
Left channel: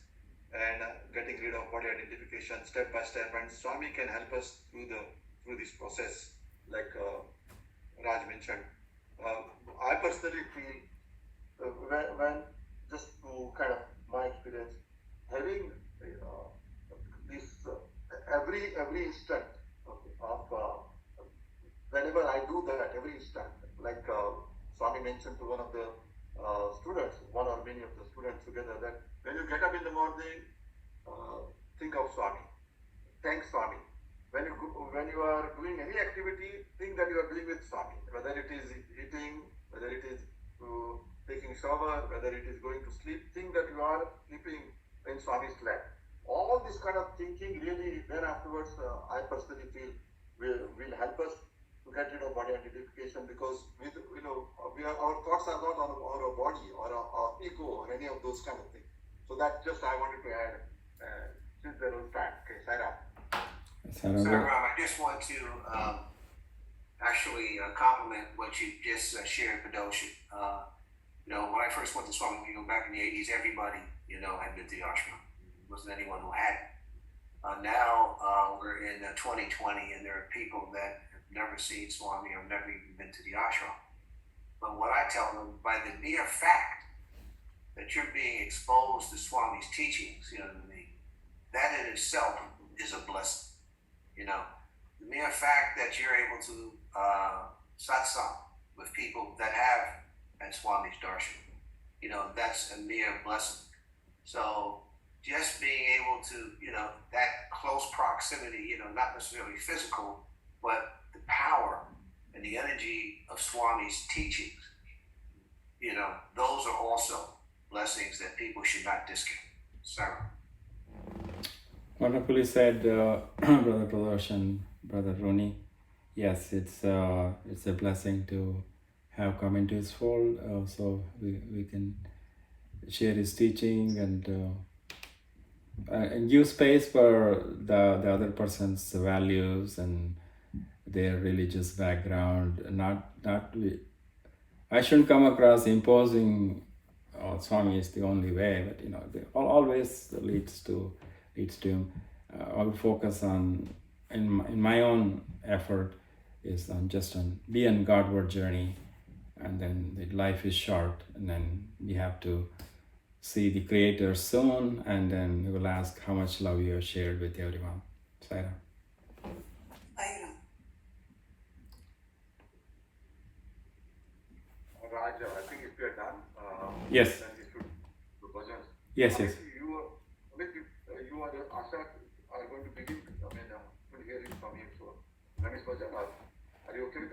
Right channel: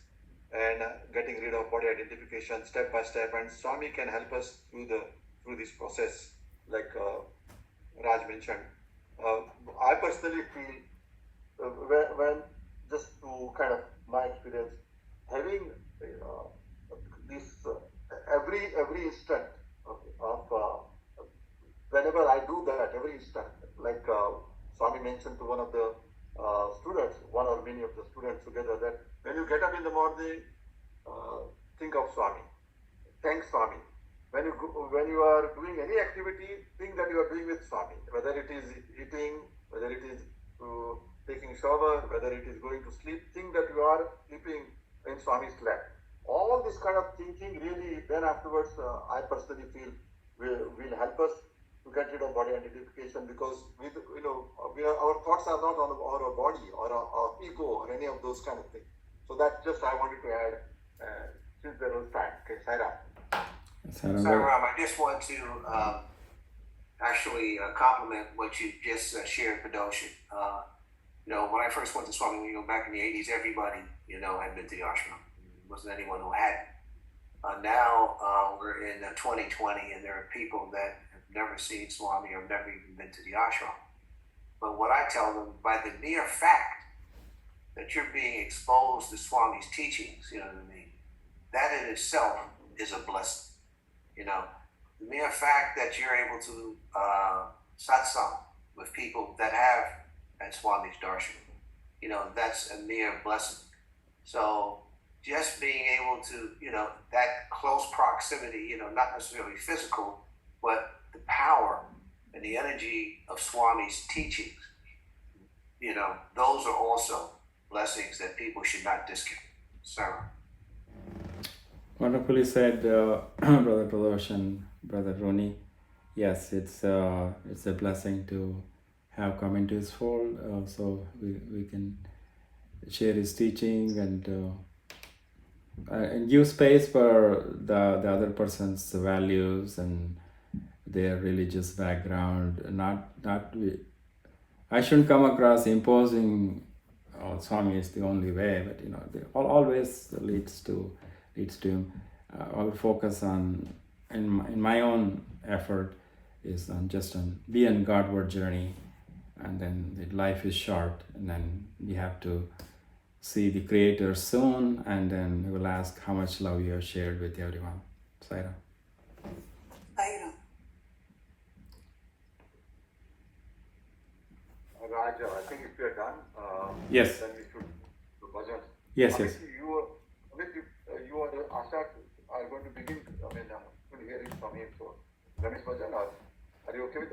and getting rid of body identification step by step. And Swami can help us through this process, like Raj mentioned. I personally feel when just to kind of my experience, having this every instant of whenever I do that, every instant, like Swami mentioned to one of the students, one or many of the students together, that when you get up in the morning, think of Swami. Thank Swami. When you are doing any activity, think that you are doing with Swami. Whether it is eating, whether it is taking shower, whether it is going to sleep, think that you are sleeping in Swami's lap. All this kind of thinking really, then afterwards, I personally feel will help us to get rid of body identification, because our thoughts are not on our body or our ego or any of those kind of things. So that just I wanted to add, since there was time. Okay, Saira. Ram, I just want to actually compliment what you just shared, Kadoshi. When I first went to Swami, back in the 80s, everybody, had been to the ashram. There wasn't anyone who hadn't. Now we're in 2020, and there are people that have never seen Swami or never even been to the ashram. But what I tell them, by the mere fact that you're being exposed to Swami's teachings, that in itself is a blessing. The mere fact that you're able to satsang with people that have had Swami's darshan, that's a mere blessing. So just being able to, that close proximity, not necessarily physical, but the power and the energy of Swami's teachings, those are also blessings that people should not discount. Sarah. Wonderfully said, Brother Pradosh and Brother Roni. Yes, it's a blessing to have come into his fold, so we can share his teaching and give space for the other person's values and their religious background. I shouldn't come across imposing, Swami is the only way, but they always leads to him. I will focus on, in my own effort, is on be on Godward journey, and then life is short, and then we have to see the Creator soon, and then we will ask how much love you have shared with everyone. Saira. Raj, I think if we are done, Yes. then we should do bhajan. Yes. You are the Asha are going to begin. To hear it from him. So, Ramesh Bhajan, are you okay with that?